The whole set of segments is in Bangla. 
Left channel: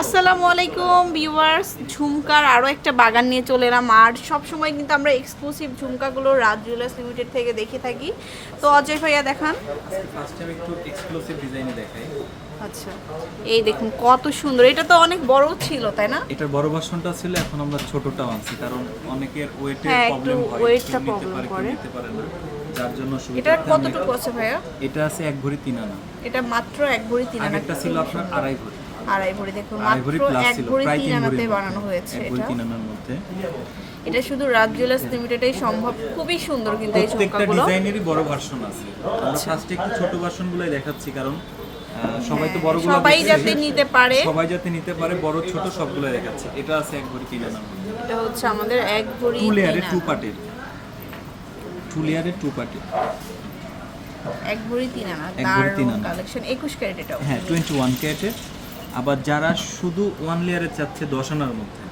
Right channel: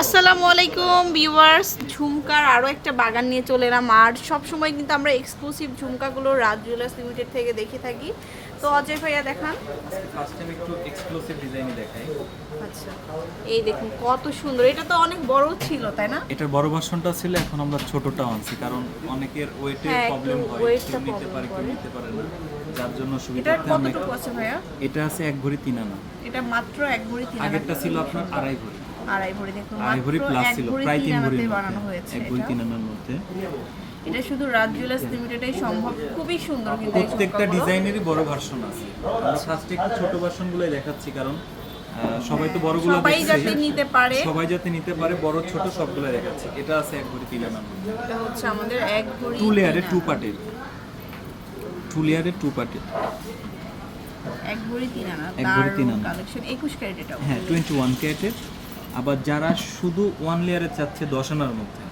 আসসালামু আলাইকুম ভিউয়ার্স ঝুমকার আরও একটা বাগান নিয়ে চলে এলাম। আর সবসময় কিন্তু আমরা এক্সক্লুসিভ ঝুমকাগুলো রাজ জুয়েলার্স লিমিটেড থেকে দেখে থাকি। তো অজয় ভাইয়া দেখান। আজকে ফার্স্ট টাইম একটু এক্সক্লুসিভ ডিজাইনে দেখাই। আচ্ছা এই দেখুন কত সুন্দর। এটা তো অনেক বড় ছিল তাই না? এটার বড় ভার্সনটা ছিল এখন আমরা ছোটটা আনছি কারণ অনেকের ওয়েটের হ্যাঁ, প্রবলেম হয় weight টা নিতে পারে কেউ। নিতে পারে না। যার জন্য সুবিধা এটার কতটুকু আছে ভাইয়া? এটা আছে এক ভরি তিন আনা। এটা মাত্র এক ভরি তিন আনা। আগেরটা ছিল আপনার আড়াই ভরি। আড়াই ভরি দেখুন আড়াই মাত্র প্লাস ছিল প্রায় তিন তিন মধ্যে। বানানো হয়েছে এক ভরি এটা। তিন আনার মধ্যে। এটা শুধু রাজ জুয়েলার্স লিমিটেডেই সম্ভব খুবই সুন্দর কিন্তু এই প্রত্যেকটা ডিজাইনেরই বড় ভার্সন আছে। আমরা ফার্স্টে একটু ছোট ভার্সনগুলোই দেখাচ্ছি কারণ সবাই তো বড়গুলো সবাই যাতে নিতে পারে। সবাই যাতে নিতে পারে বড় ছোট সবগুলো দেখাচ্ছি। এটা আছে এক ভরি তিন আনার মধ্যে। এটা হচ্ছে আমাদের এক ভরি টু লেয়ারে টু। পার্টের টু লেয়ারে টু পার্টের এক ভরি তিন আনা এক ভরি তিন আনা। কালেকশন একুশ ক্যারেট এটা। হ্যাঁ টোয়েন্টি ওয়ান ক্যারেটের। আবার যারা শুধু ওয়ান লেয়ারে চাচ্ছে দশ আনার মধ্যে?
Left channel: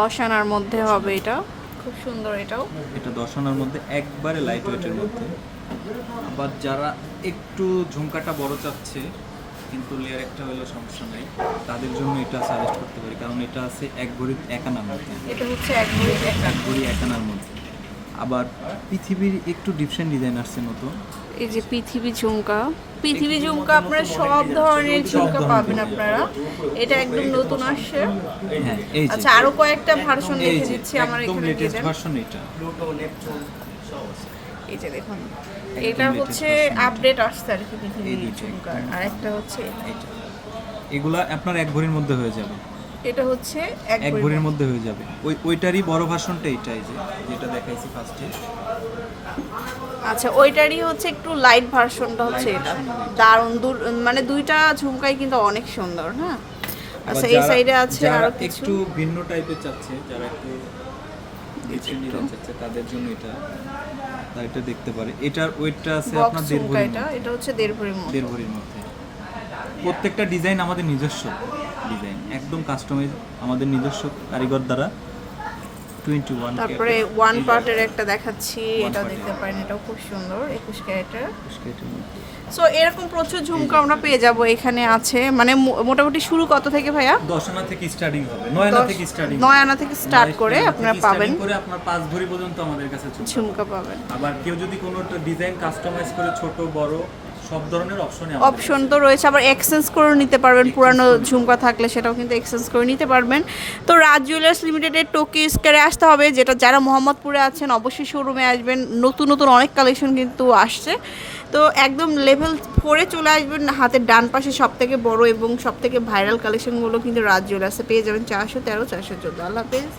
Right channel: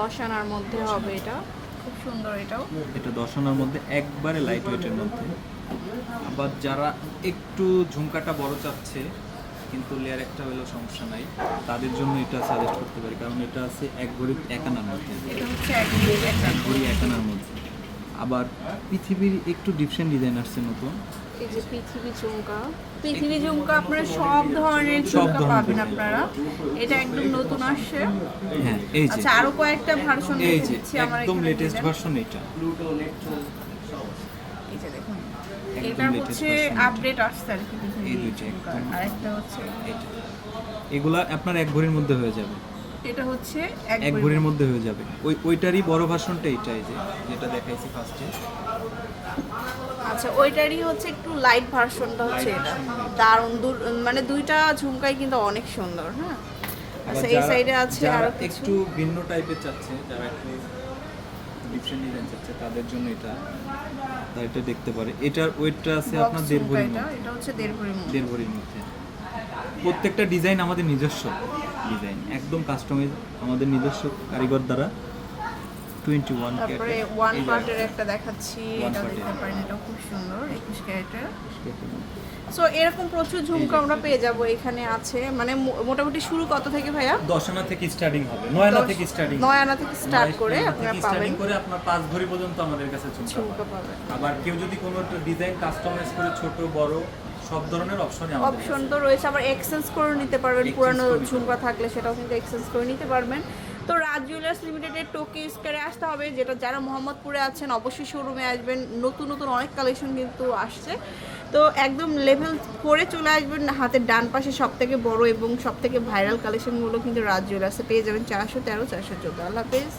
দশ আনার মধ্যে হবে এটা। খুব সুন্দর এটাও। এটা দশ আনার মধ্যে একবারে লাইট ওয়েটের মধ্যে। আবার যারা একটু ঝুমকাটা বড় চাচ্ছে কিন্তু লেয়ার একটা হলেও সমস্যা নাই তাদের জন্য এটা সাজেস্ট করতে পারি কারণ এটা আছে এক ভরি এক আনার মধ্যে। এটা হচ্ছে এক ভরি এক ভরি এক আনার মধ্যে। আবার পৃথিবীর একটু ডিফারেন্ট ডিজাইন আসছে নতুন। এই যে পৃথিবী ঝুমকা। পৃথিবী ঝুমকা আপনারা সব ধরনের ঝুমকা পাবেন আপনারা। এটা একদম নতুন আসছে। হ্যাঁ এই আচ্ছা আরও কয়েকটা ভার্সন যে দিচ্ছি আমার একদম লেটেস্ট ভার্সন এটা। এই যে দেখুন এটা হচ্ছে আপডেট আসছে আর কি পৃথিবী ঝুমকা। আর একটা হচ্ছে এটা এগুলা আপনার এক ভরির মধ্যে হয়ে যাবে। এটা হচ্ছে এক ভরির মধ্যে। হয়ে যাবে। ওই ওইটারই বড় ভার্সনটা এইটাই যে যেটা দেখাইছি ফার্স্টে আচ্ছা ওইটারই হচ্ছে একটু লাইট ভার্সনটা হচ্ছে এটা। দারুণ মানে দুইটা ঝুমকাই কিন্তু অনেক সুন্দর হ্যাঁ? আচ্ছা এই সাইডে আছে আরও কিছু? একটু ভিন্ন টাইপের চাচ্ছে যারা একটু তাদের জন্য এটা এটা দেখতে পারে। এটার ওয়েটটা আছে আপনার দেড় ভরির এটা মধ্যে। এটা হচ্ছে দেড় ভরির মধ্যে। দেড় ভরির মধ্যে। প্রত্যেকটা ডিজাইন আমাদের নিজস্ব। ডিজাইন। একদম কাস্টমাইজ আমাদের নিজস্ব কারিগর দ্বারা। টোয়েন্টি ওয়ান তারপরে ওয়ান পার্টের একটা দেখাচ্ছি। এটা দেখতে পারেন এটাও খুব সুন্দর একুশ ক্যারেটের। সো এরকম প্রচুর ঝুমকা আমরা পেয়ে যাব এখানে আছে। মানে মো- মোটামুটি শুরু কত থেকে ভাইয়া? দশ আনা থেকে স্টার্টিং হবে। নয় আনা দশ- থেকে স্টার্টিং নয় আনা থেকে স্টার্ট করে আপনারা পাবেন। করে আপনার পাঁচ ভরি পর্যন্ত আমাদের কাছে ঝুমকা ঝুমকা পাবেন। আবার কেউ যদি কোনো ডিজাইন কাস্টমাইজ করে ছোট বড় সব ধরনের অপশনই অপশন তো রয়েছে আবার এক্সচেঞ্জ করে নিতে পারবেন পুরানো ঝুমকা থাকলে সেটাও কিন্তু এক্সচেঞ্জ করে নিতে পারবেন। তো রাজ জুয়েলার্স লিমিটেডের টোকি স্কোয়ারে আসতে হবে যেটা যারা মোহাম্মদপুরে আছেন অবশ্যই শোরুমে আসবেন। নতুন নতুন অনেক কালেকশন কিন্তু আসছে। তো একদম লেভেল করে চলে আসবেন হাতের ডান পাশে সব থেকে বড় এবং সব থেকে ভাইরাল কালেকশনগুলো কিন্তু রাজ জুয়েলার্সে পেয়ে যাবেন চারশো তেরো চারশো চোদ্দ। আল্লাহ হাফেজ।